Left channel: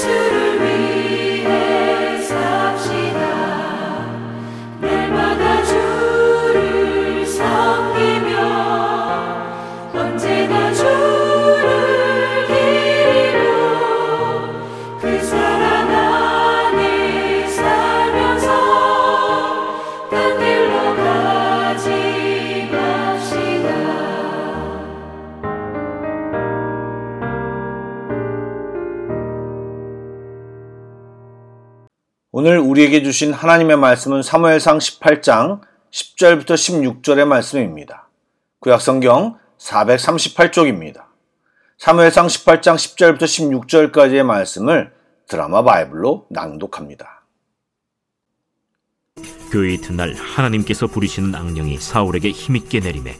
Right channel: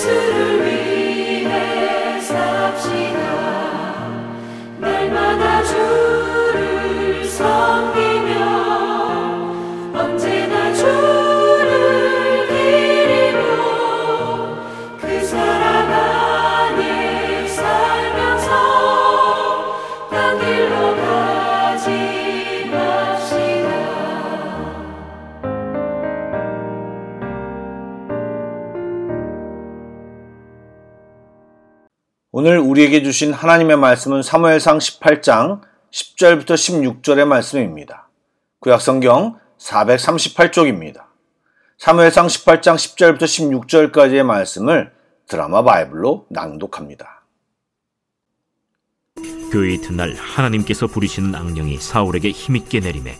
예수를 위해 삽시다. 날마다 주를 섬기며 언제나 주를 기리고 그 사랑 안에 살면서 딴 길로 가지 맙시다. 오늘 우리에게 주신 하나님의 말씀은 사무엘상 18장 10절부터 16절의 말씀입니다. 구약성경 438쪽입니다. 사무엘상 18장 10절부터 16절까지의 말씀을 드라마 바이블로 낭독합니다. 그 이튿날 하나님께서 부리시는 악령이 사울에게 힘있게 내리매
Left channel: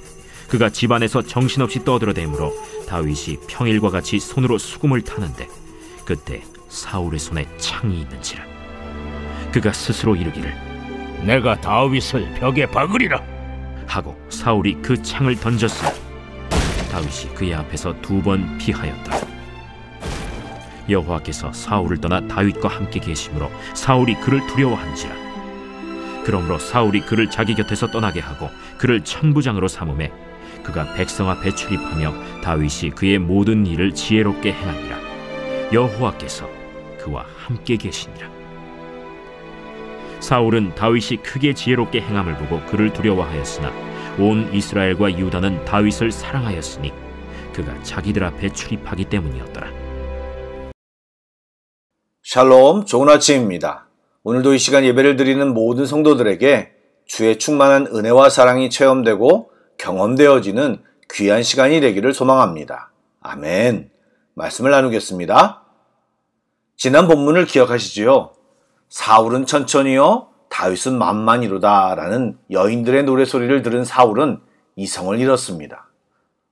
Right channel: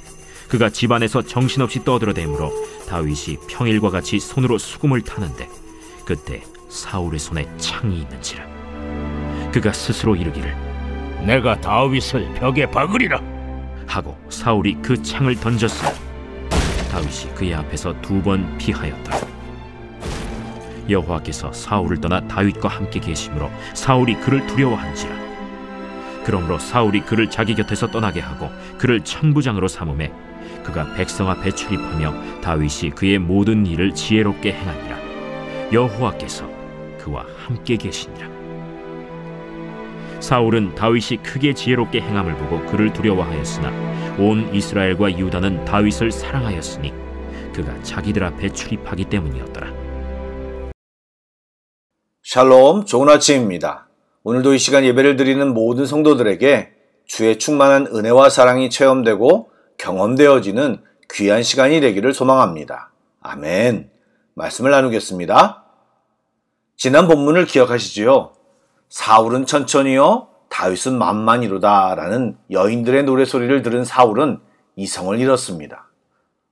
그가 집안에서 정신없이 떠들어대므로 다윗이 평일과 같이 손으로 수금을 타는데 그때 사울의 손에 창이 있는지라. 그가 스스로 이르기를 내가 다윗을 벽에 박으리라 하고 사울이 그 창을 던졌으니 다윗이 그의 앞에서 2번 피하였다. 여호와께서 사울을 떠나 다윗과 함께 계심으로 사울이 그를 두려워한지라. 그러므로 사울이 그를 자기 곁에서 떠나게 하고 그를 천부장으로 삼음에 그가 백성 앞에 출입하며 다윗이 그의 모든 일을 지혜롭게 행하니라. 여호와께서 그와 함께 계시니라. 사울은 다윗이 크게 지혜롭게 행함을 보고 그를 두려워하였으나 온 이스라엘과 유다는 다윗을 사랑하였으니 그가 자기들 앞에 출입하기 때문이었더라. 샬롬, 좋은 아침입니다. 오늘도 이 시간 예배를 드리는 모든 성도들에게 주의 충만한 은혜와 사랑이 체험되고 경험되어지는 귀한 시간이 되기를 소망합니다. 아멘. 말씀을 나누겠습니다. 지난 본문을 기억하시지요? 사울은 천천히요, 다윗은 만만이로다 라는 여인들의 노래소리를 들은 사울은 이성을 잃었습니다.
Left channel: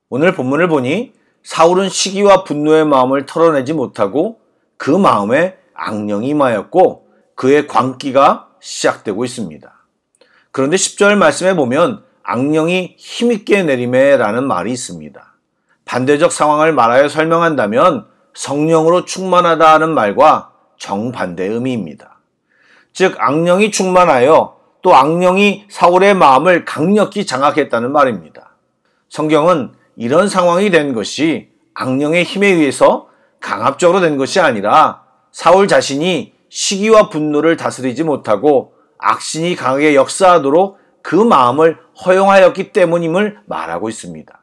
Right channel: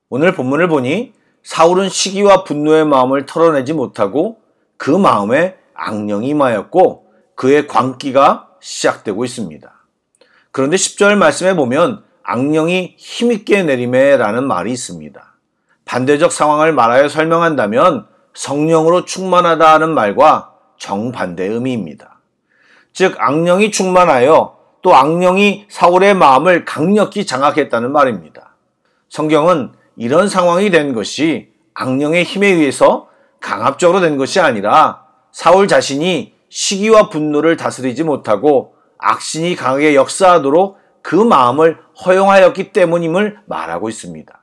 오늘 본문을 보니 사울은 시기와 분노의 마음을 털어내지 못하고 그 마음에 악령이 임하였고 그의 광기가 시작되고 있습니다. 그런데 10절 말씀에 보면 악령이 힘있게 내리매 라는 말이 있습니다. 반대적 상황을 말하여 설명한다면 성령으로 충만하다 하는 말과 정반대의 의미입니다. 즉 악령이 충만하여 또 악령이 사울의 마음을 강력히 장악했다는 말입니다. 성경은 이런 상황이 된 것이 악령의 힘에 의해서 강압적으로 된 것이 아니라 사울 자신이 시기와 분노를 다스리지 못하고 악신이 강하게 역사하도록 그 마음을 허용하였기 때문임을 말하고 있습니다.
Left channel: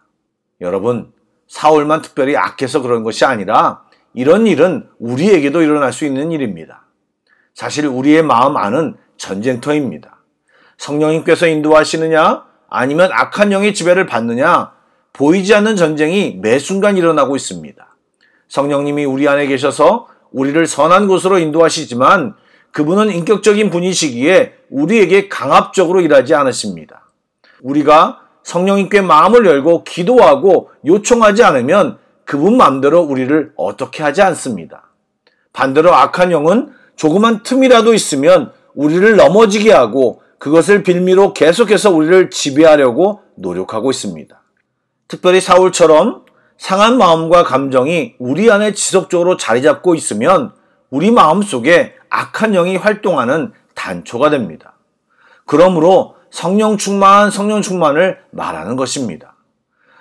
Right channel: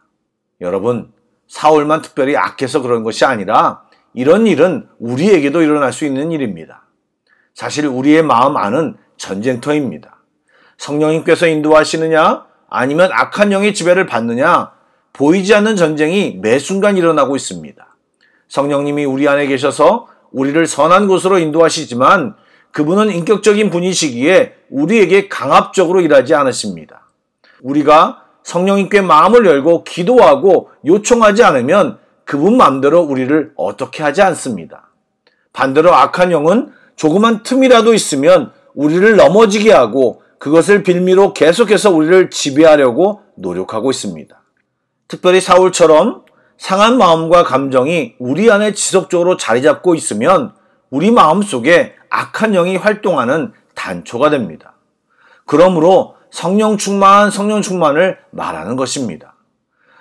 여러분, 사울만 특별히 악해서 그런 것이 아니라 이런 일은 우리에게도 일어날 수 있는 일입니다. 사실 우리의 마음 안은 전쟁터입니다. 성령님께서 인도하시느냐 아니면 악한 영의 지배를 받느냐 보이지 않는 전쟁이 매 순간 일어나고 있습니다. 성령님이 우리 안에 계셔서 우리를 선한 곳으로 인도하시지만 그분은 인격적인 분이시기에 우리에게 강압적으로 일하지 않으십니다. 우리가 성령님께 마음을 열고 기도하고 요청하지 않으면 그분 마음대로 우리를 어떻게 하지 않습니다. 반대로 악한 영은 조그만 틈이라도 있으면 우리를 넘어지게 하고 그것을 빌미로 계속해서 우리를 지배하려고 노력하고 있습니다. 특별히 사울처럼 상한 마음과 감정이 우리 안에 지속적으로 자리 잡고 있으면 우리 마음속에 악한 영이 활동하는 단초가 됩니다. 그러므로 성령 충만을 말하는 것입니다.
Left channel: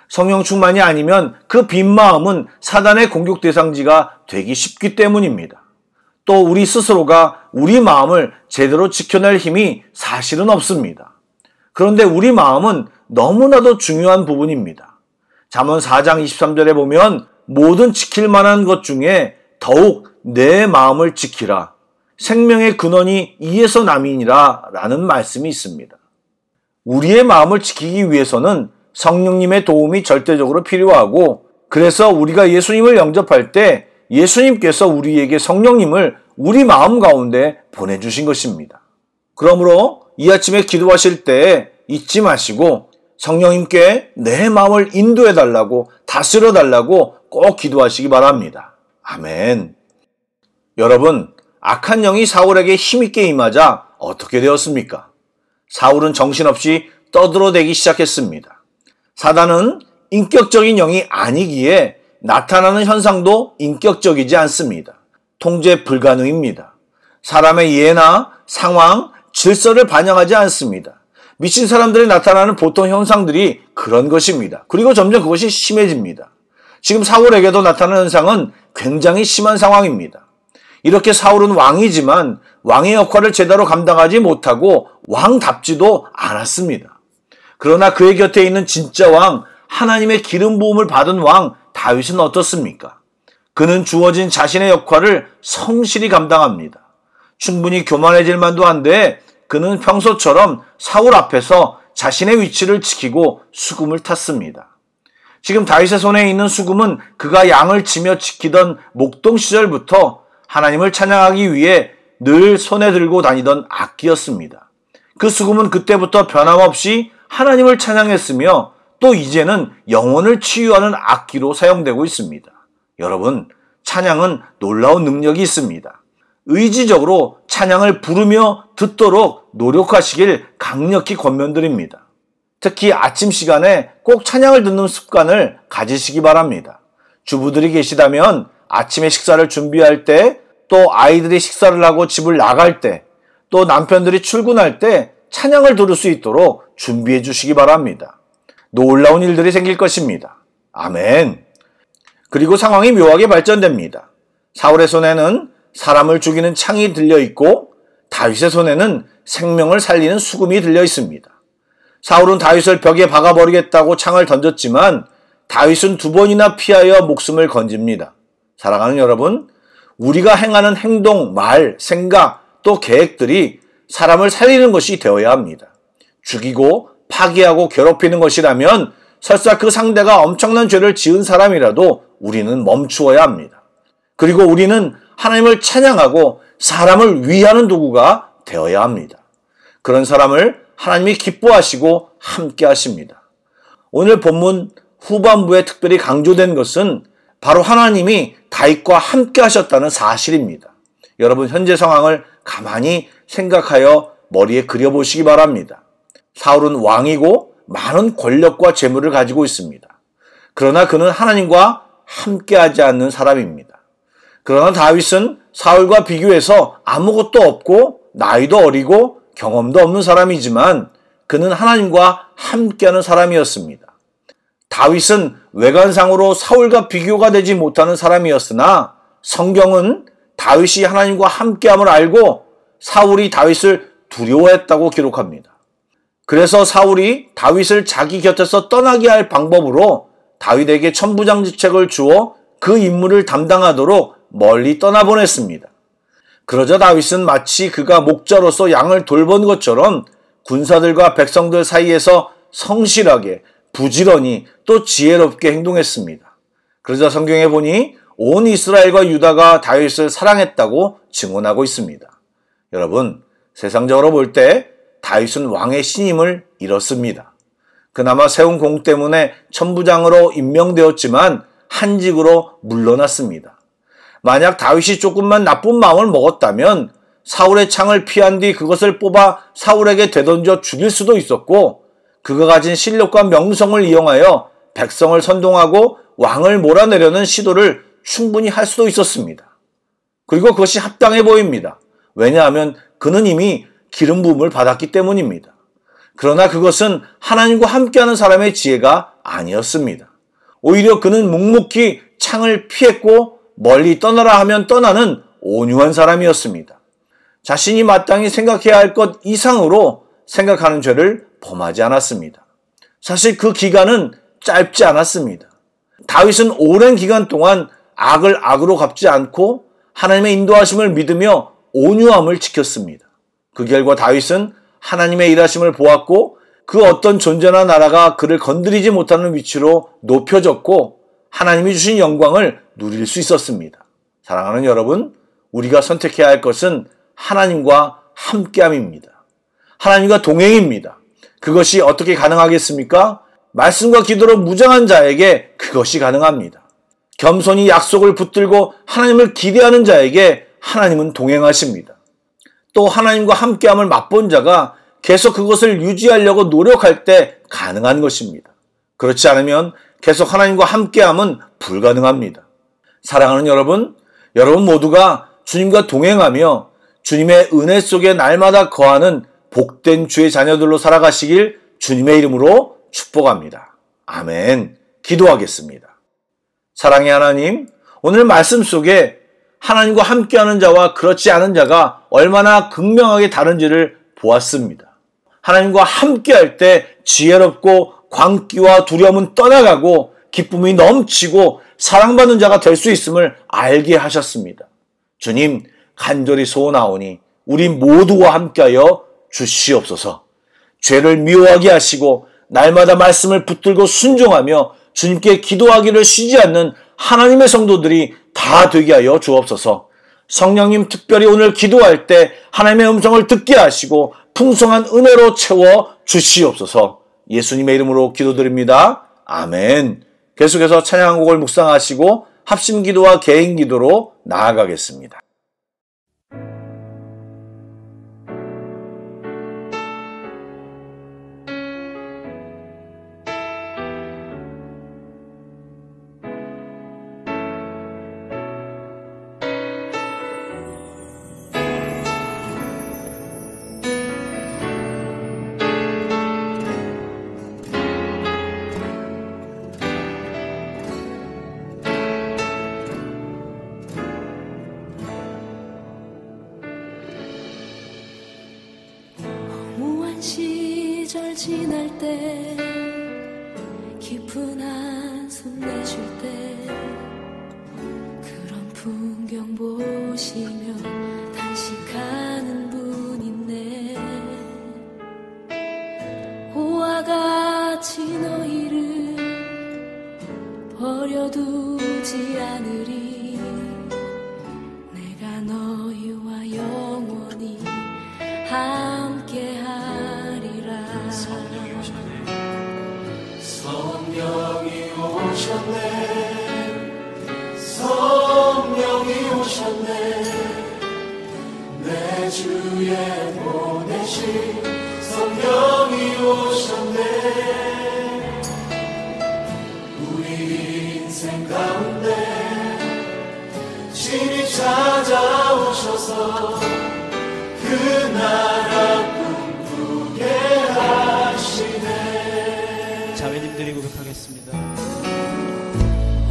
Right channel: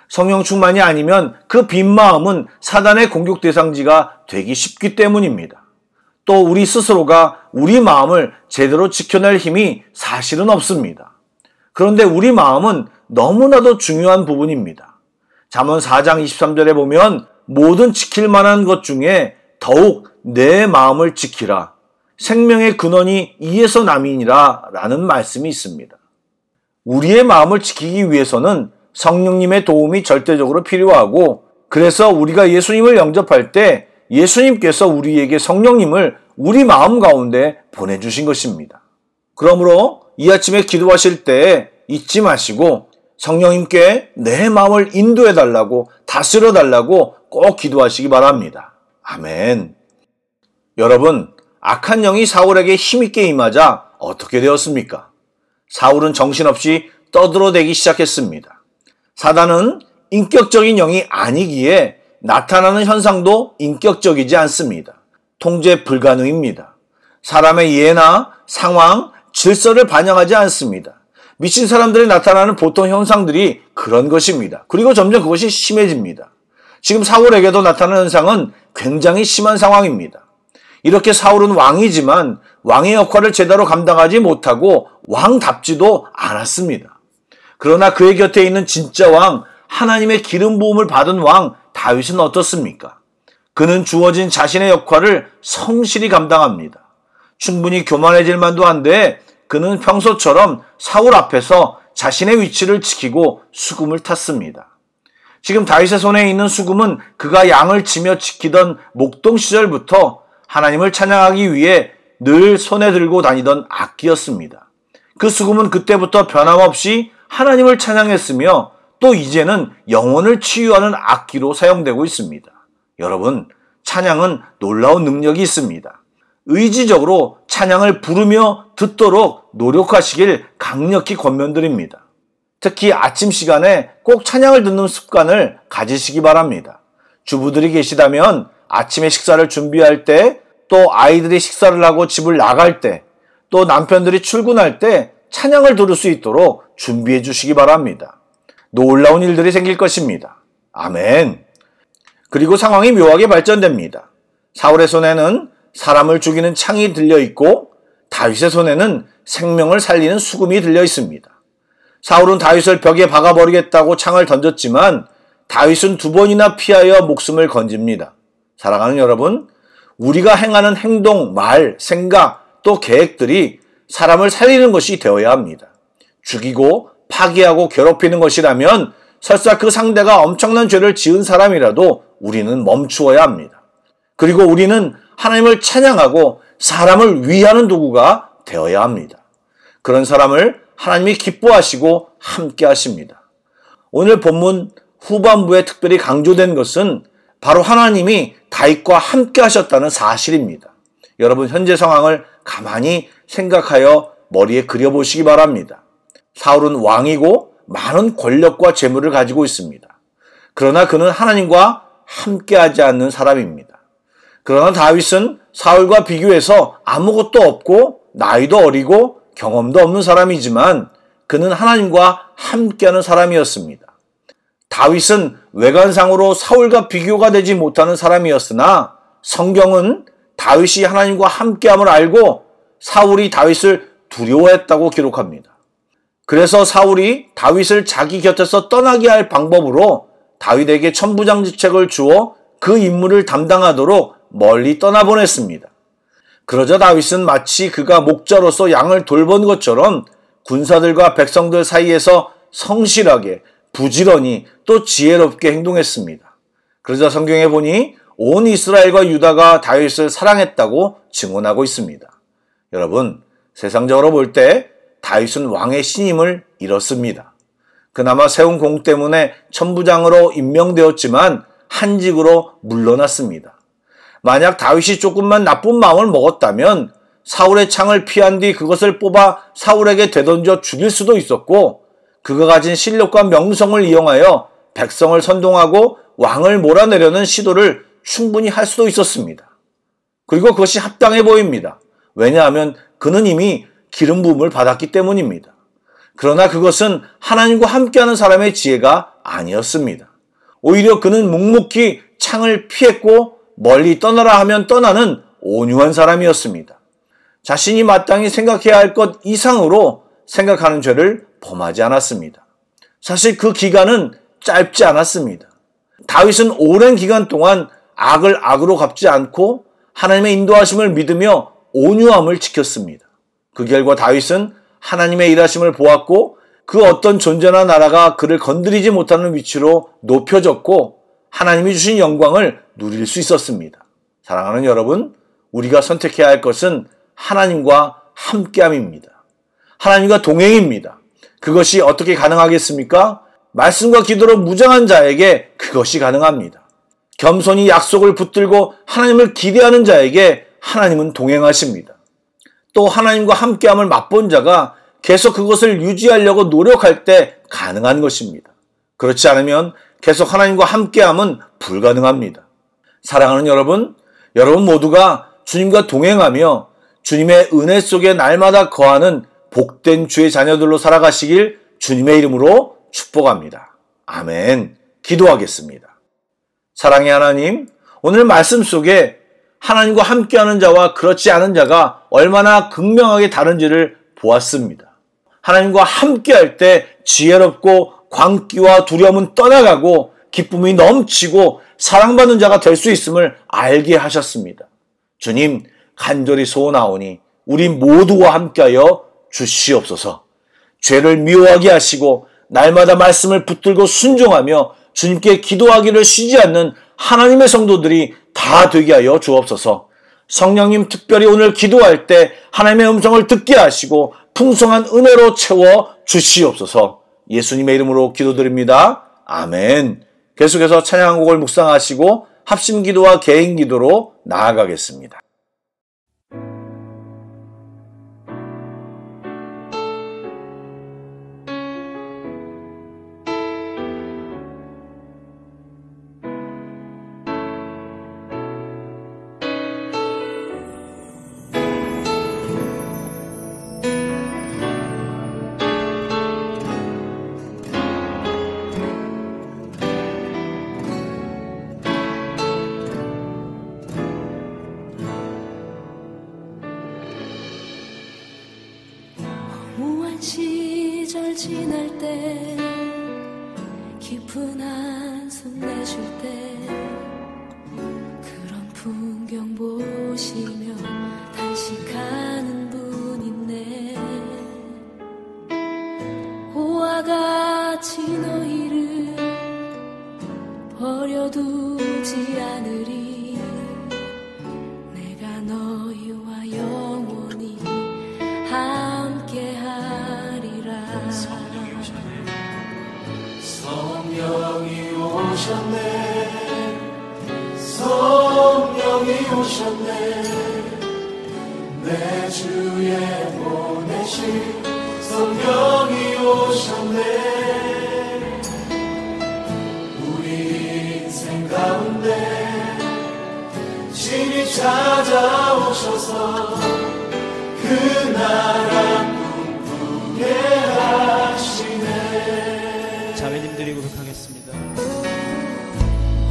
성령 충만이 아니면 그 빈 마음은 사단의 공격 대상지가 되기 쉽기 때문입니다. 또 우리 스스로가 우리 마음을 제대로 지켜낼 힘이 사실은 없습니다. 그런데 우리 마음은 너무나도 중요한 부분입니다. 잠언 4장 23절에 보면 모든 지킬 만한 것 중에 더욱 내 마음을 지키라. 생명의 근원이 이에서 남이니라 라는 말씀이 있습니다. 우리의 마음을 지키기 위해서는 성령님의 도움이 절대적으로 필요하고 그래서 우리가 예수님을 영접할 때 예수님께서 우리에게 성령님을 우리 마음 가운데 보내주신 것입니다. 그러므로 이 아침에 기도하실 때 잊지 마시고 성령님께 내 마음을 인도해달라고 다스려달라고 꼭 기도하시기 바랍니다. 아멘. 여러분, 악한 영이 사울에게 힘있게 임하자 어떻게 되었습니까? 사울은 정신없이 떠들어대기 시작했습니다. 사단은 인격적인 영이 아니기에 나타나는 현상도 인격적이지 않습니다. 통제 불가능입니다. 사람의 이해나 상황, 질서를 반영하지 않습니다. 미친 사람들이 나타나는 보통 현상들이 그런 것입니다. 그리고 점점 그것이 심해집니다. 지금 사울에게도 나타나는 현상은 굉장히 심한 상황입니다. 이렇게 사울은 왕이지만 왕의 역할을 제대로 감당하지 못하고 왕답지도 않았습니다. 그러나 그의 곁에 있는 진짜 왕, 하나님의 기름 부음을 받은 왕 다윗은 어떻습니까? 그는 주어진 자신의 역할을 성실히 감당합니다. 충분히 교만해질 만도 한데 그는 평소처럼 사울 앞에서 자신의 위치를 지키고 수금을 탔습니다. 지금 다윗의 손에 있는 수금은 그가 양을 치며 지키던 목동 시절부터 하나님을 찬양하기 위해 늘 손에 들고 다니던 악기였습니다. 그 수금은 그때부터 변함없이 하나님을 찬양했으며 또 이제는 영혼을 치유하는 악기로 사용되고 있습니다. 여러분, 찬양은 놀라운 능력이 있습니다. 의지적으로 찬양을 부르며 듣도록 노력하시길 강력히 권면드립니다. 특히 아침 시간에 꼭 찬양을 듣는 습관을 가지시기 바랍니다. 주부들이 계시다면 아침에 식사를 준비할 때, 또 아이들이 식사를 하고 집을 나갈 때, 또 남편들이 출근할 때 찬양을 들을 수 있도록 준비해 주시기 바랍니다. 놀라운 일들이 생길 것입니다. 아멘. 그리고 상황이 묘하게 발전됩니다. 사울의 손에는 사람을 죽이는 창이 들려 있고 다윗의 손에는 생명을 살리는 수금이 들려 있습니다. 사울은 다윗을 벽에 박아버리겠다고 창을 던졌지만 다윗은 2번이나 피하여 목숨을 건집니다. 사랑하는 여러분, 우리가 행하는 행동, 말, 생각, 또 계획들이 사람을 살리는 것이 되어야 합니다. 죽이고 파괴하고 괴롭히는 것이라면 설사 그 상대가 엄청난 죄를 지은 사람이라도 우리는 멈추어야 합니다. 그리고 우리는 하나님을 찬양하고 사람을 위하는 도구가 되어야 합니다. 그런 사람을 하나님이 기뻐하시고 함께 하십니다. 오늘 본문 후반부에 특별히 강조된 것은 바로 하나님이 다윗과 함께 하셨다는 사실입니다. 여러분, 현재 상황을 가만히 생각하여 머리에 그려보시기 바랍니다. 사울은 왕이고 많은 권력과 재물을 가지고 있습니다. 그러나 그는 하나님과 함께하지 않는 사람입니다. 그러나 다윗은 사울과 비교해서 아무것도 없고 나이도 어리고 경험도 없는 사람이지만 그는 하나님과 함께하는 사람이었습니다. 다윗은 외관상으로 사울과 비교가 되지 못하는 사람이었으나 성경은 다윗이 하나님과 함께함을 알고 사울이 다윗을 두려워했다고 기록합니다. 그래서 사울이 다윗을 자기 곁에서 떠나게 할 방법으로 다윗에게 천부장직책을 주어 그 임무를 담당하도록 멀리 떠나보냈습니다. 그러자 다윗은 마치 그가 목자로서 양을 돌본 것처럼 군사들과 백성들 사이에서 성실하게, 부지런히 또 지혜롭게 행동했습니다. 그러자 성경에 보니 온 이스라엘과 유다가 다윗을 사랑했다고 증언하고 있습니다. 여러분, 세상적으로 볼 때 다윗은 왕의 신임을 잃었습니다. 그나마 세운 공 때문에 천부장으로 임명되었지만 한직으로 물러났습니다. 만약 다윗이 조금만 나쁜 마음을 먹었다면 사울의 창을 피한 뒤 그것을 뽑아 사울에게 되던져 죽일 수도 있었고, 그가 가진 실력과 명성을 이용하여 백성을 선동하고 왕을 몰아내려는 시도를 충분히 할 수도 있었습니다. 그리고 그것이 합당해 보입니다. 왜냐하면 그는 이미 기름 부음을 받았기 때문입니다. 그러나 그것은 하나님과 함께하는 사람의 지혜가 아니었습니다. 오히려 그는 묵묵히 창을 피했고 멀리 떠나라 하면 떠나는 온유한 사람이었습니다. 자신이 마땅히 생각해야 할 것 이상으로 생각하는 죄를 범하지 않았습니다. 사실 그 기간은 짧지 않았습니다. 다윗은 오랜 기간 동안 악을 악으로 갚지 않고 하나님의 인도하심을 믿으며 온유함을 지켰습니다. 그 결과 다윗은 하나님의 일하심을 보았고 그 어떤 존재나 나라가 그를 건드리지 못하는 위치로 높여졌고 하나님이 주신 영광을 누릴 수 있었습니다. 사랑하는 여러분, 우리가 선택해야 할 것은 하나님과 함께함입니다. 하나님과 동행입니다. 그것이 어떻게 가능하겠습니까? 말씀과 기도로 무장한 자에게 그것이 가능합니다. 겸손히 약속을 붙들고 하나님을 기대하는 자에게 하나님은 동행하십니다. 또 하나님과 함께함을 맛본 자가 계속 그것을 유지하려고 노력할 때 가능한 것입니다. 그렇지 않으면 계속 하나님과 함께함은 불가능합니다. 사랑하는 여러분, 여러분 모두가 주님과 동행하며 주님의 은혜 속에 날마다 거하는 복된 주의 자녀들로 살아가시길 주님의 이름으로 축복합니다. 아멘. 기도하겠습니다. 사랑의 하나님, 오늘 말씀 속에 하나님과 함께하는 자와 그렇지 않은 자가 얼마나 극명하게 다른지를 보았습니다. 하나님과 함께할 때 지혜롭고 광기와 두려움은 떠나가고 기쁨이 넘치고 사랑받는 자가 될 수 있음을 알게 하셨습니다. 주님, 간절히 소원하오니 우리 모두와 함께하여 주시옵소서. 죄를 미워하게 하시고 날마다 말씀을 붙들고 순종하며 주님께 기도하기를 쉬지 않는 하나님의 성도들이 다 되게 하여 주옵소서. 성령님, 특별히 오늘 기도할 때 하나님의 음성을 듣게 하시고 풍성한 은혜로 채워 주시옵소서. 예수님의 이름으로 기도드립니다. 아멘. 계속해서 찬양 한 곡을 묵상하시고 합심기도와 개인기도로 나아가겠습니다. 무한 시절 지날 때 깊은 한숨 내쉴 때 그런 풍경 보시며 단식하는 분 있네. 고와 같이 너희를 버려두지 않으리. 내가 너희와 영원히 함께하리라. 성령이 오셨네. 성령이 오셨네. 내 주에 보내신 성령이 오셨네. 우리 인생 가운데 신이 찾아오셔서 그 나라 꿈꾸게 하시네. 자매님들이 고백하겠습니다.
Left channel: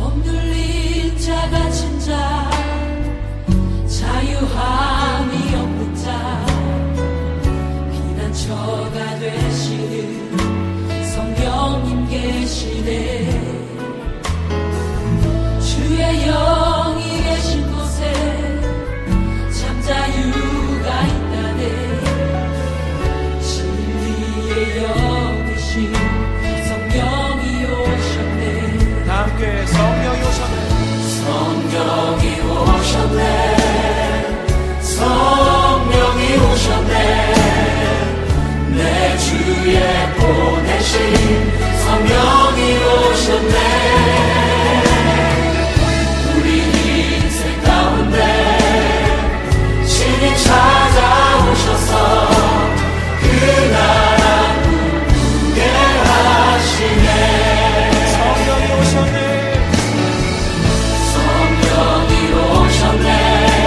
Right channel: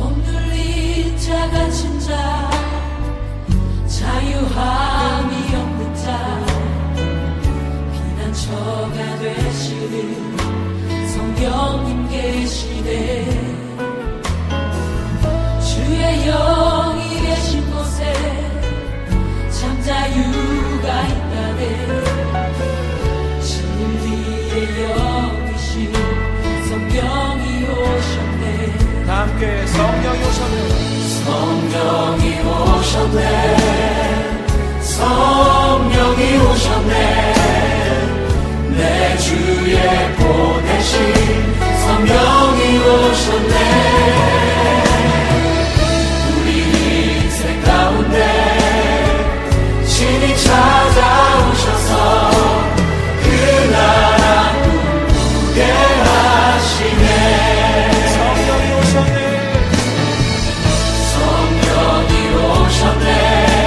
억눌린 자 갇힌 자 자유함이 없는 자 피난처가 되시는 성령님 계시네. 주의 영이 계신 곳에 참 자유가 있다네. 진리의 영이신 성령이 오셨네. 다 함께 성령이 오셨네. 성령이 오셨네. 성령이 오셨네. 내 주에 보내신 성령이 오셨네. 우리 인생 가운데 신이 찾아오셔서 그 나라 꿈꾸게 하시네. 성령이 오셨네. 성령이 오셨네.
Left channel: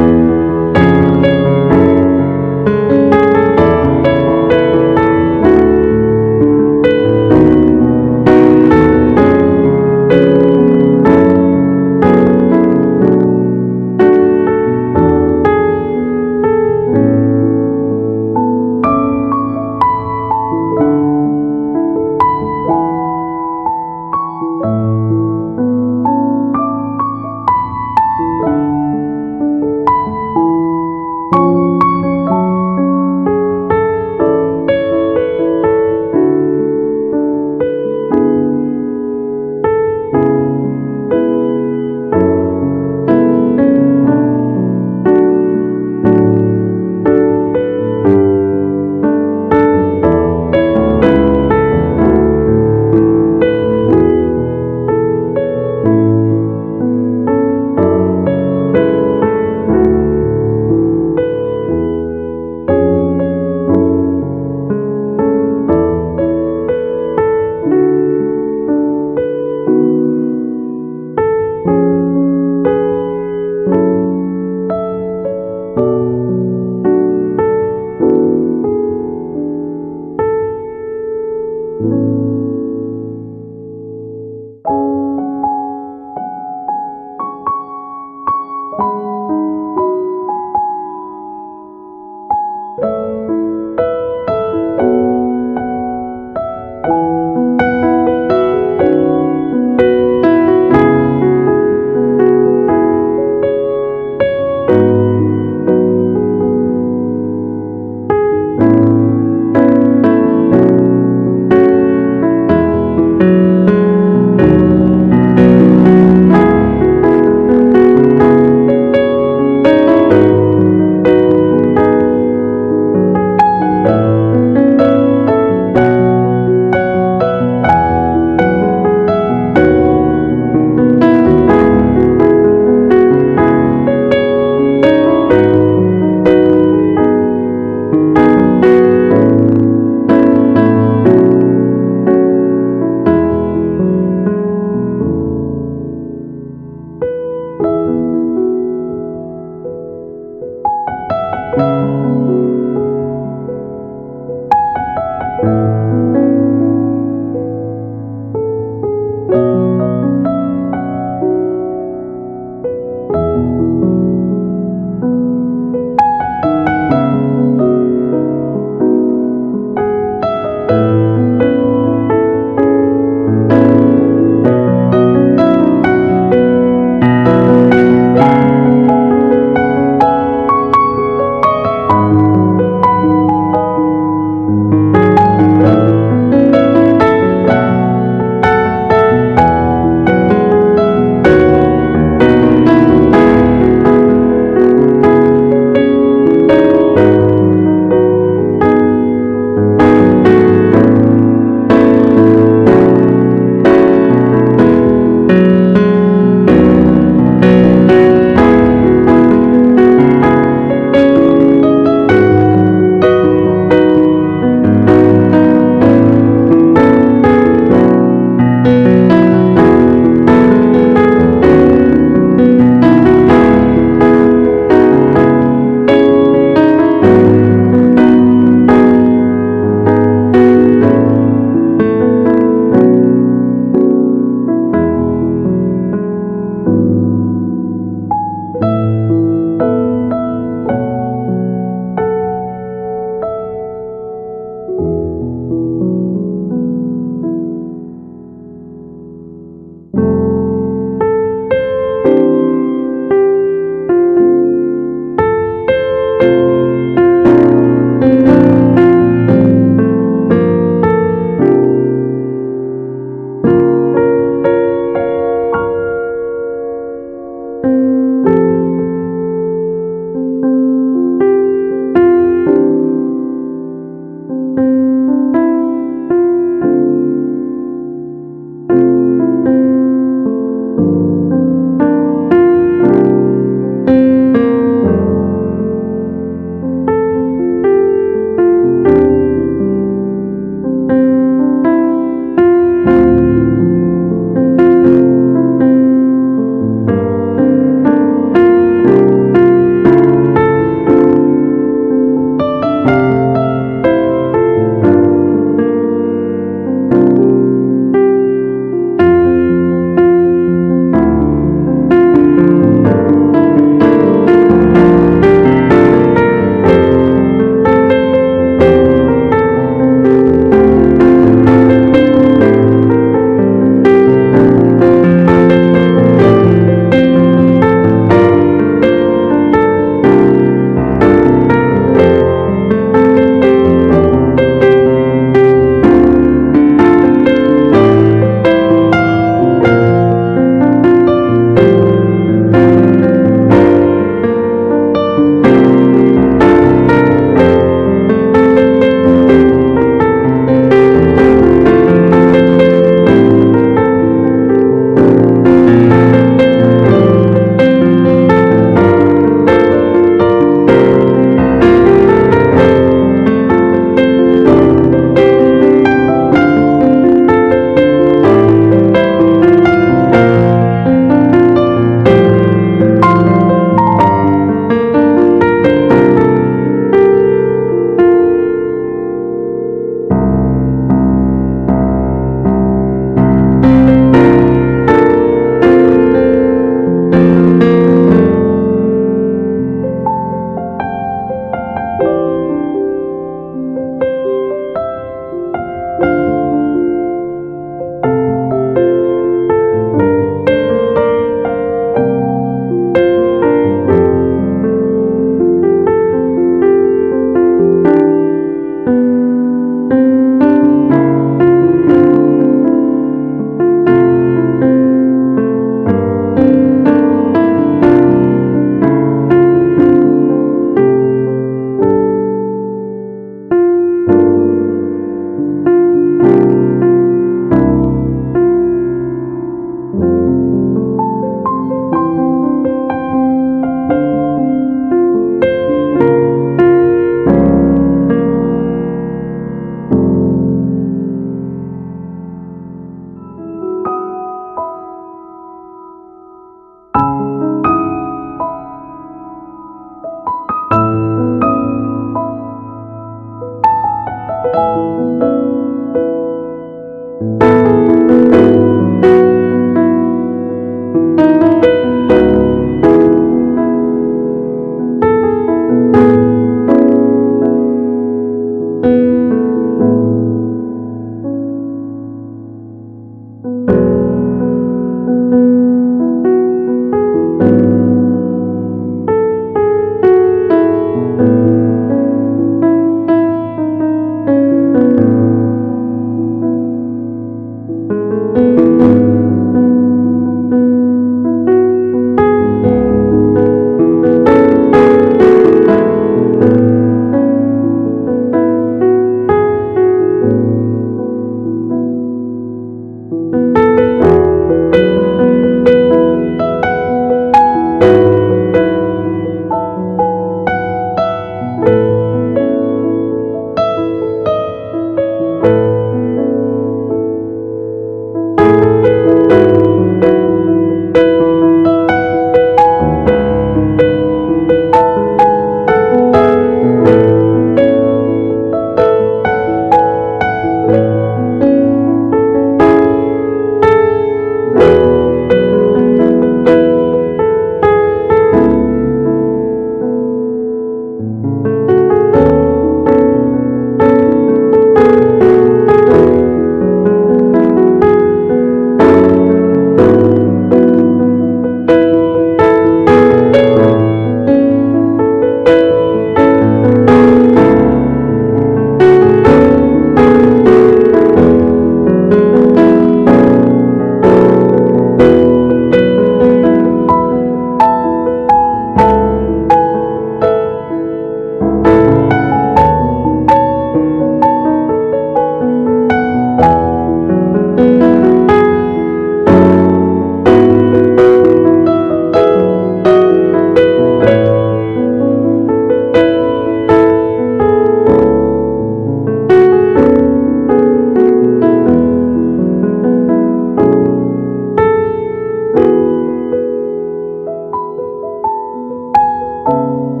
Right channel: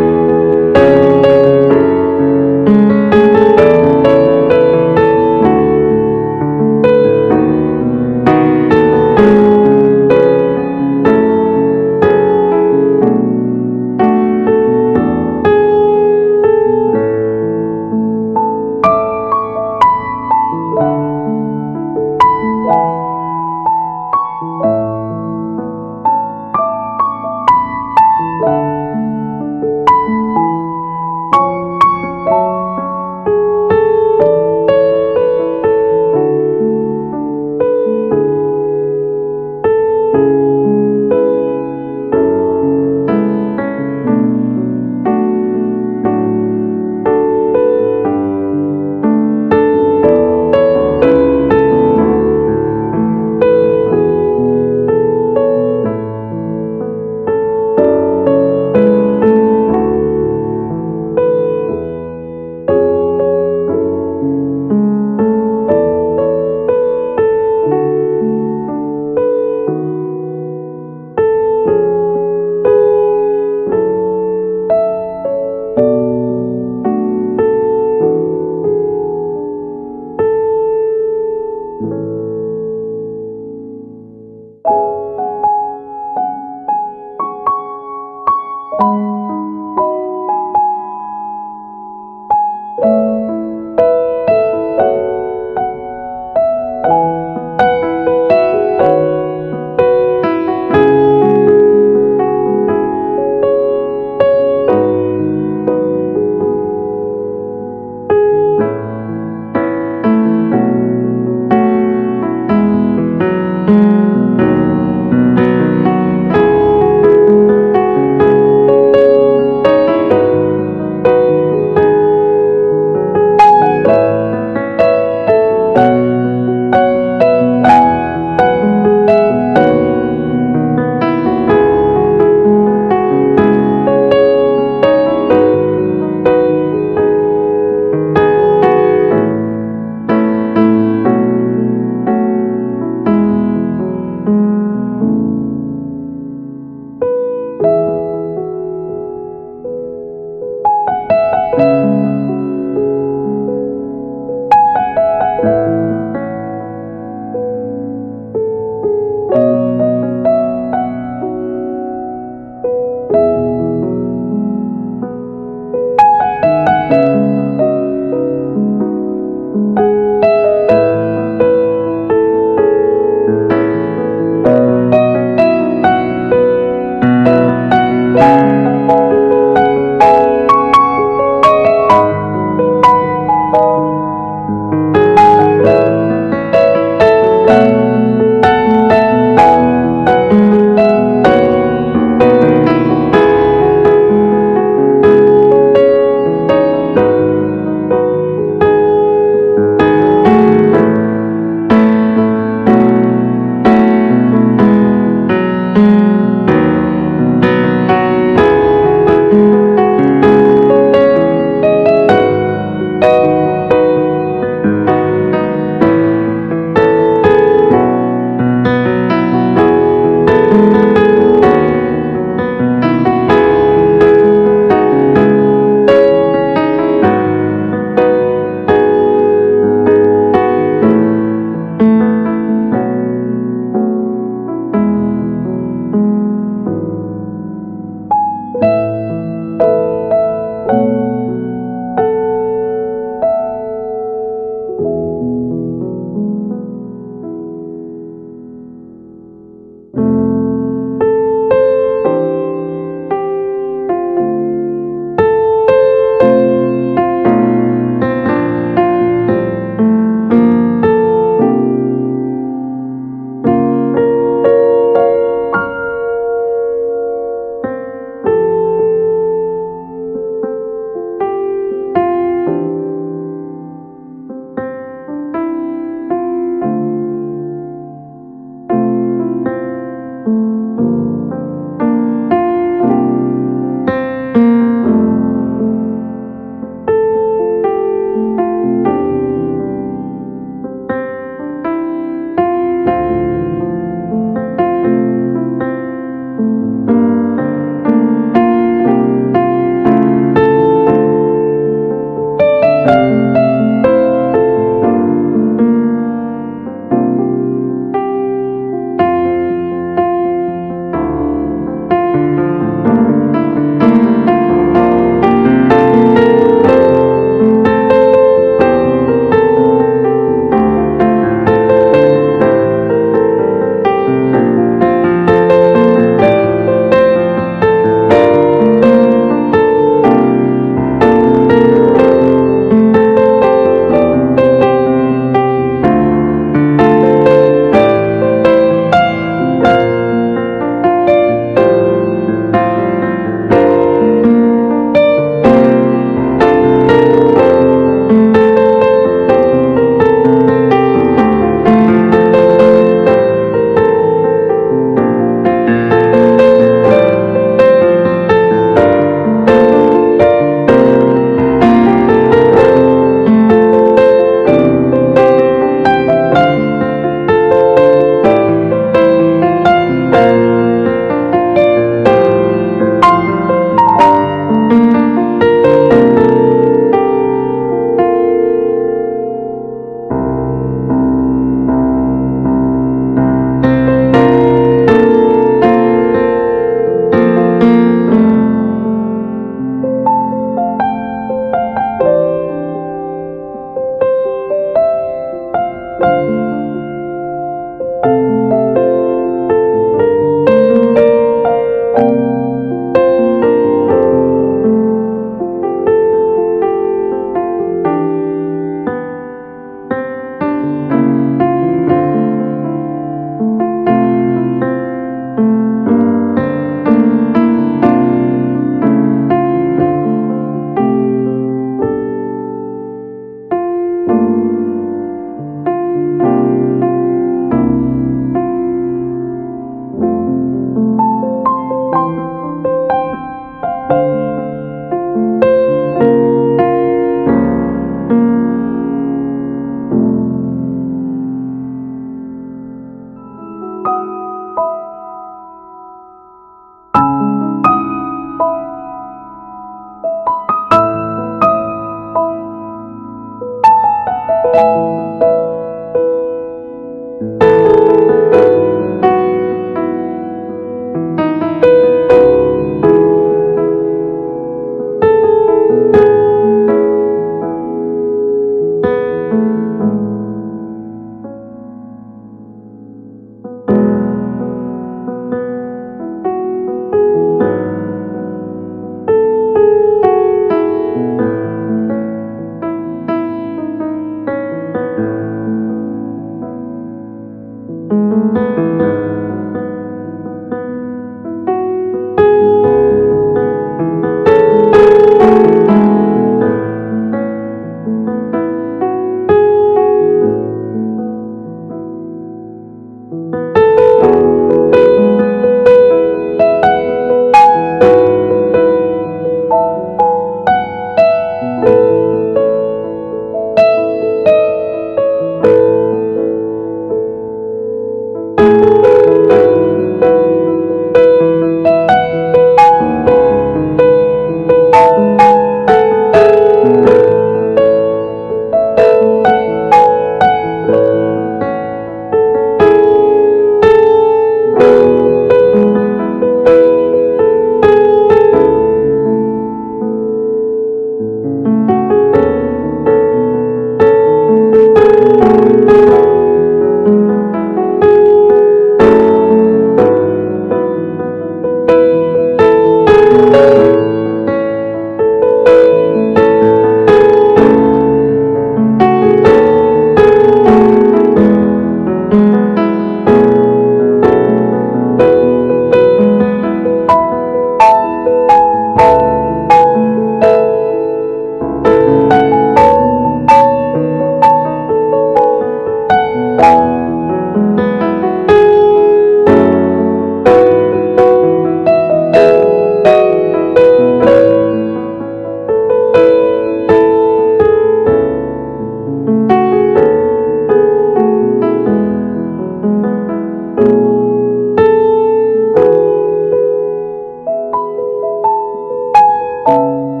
주옵소서.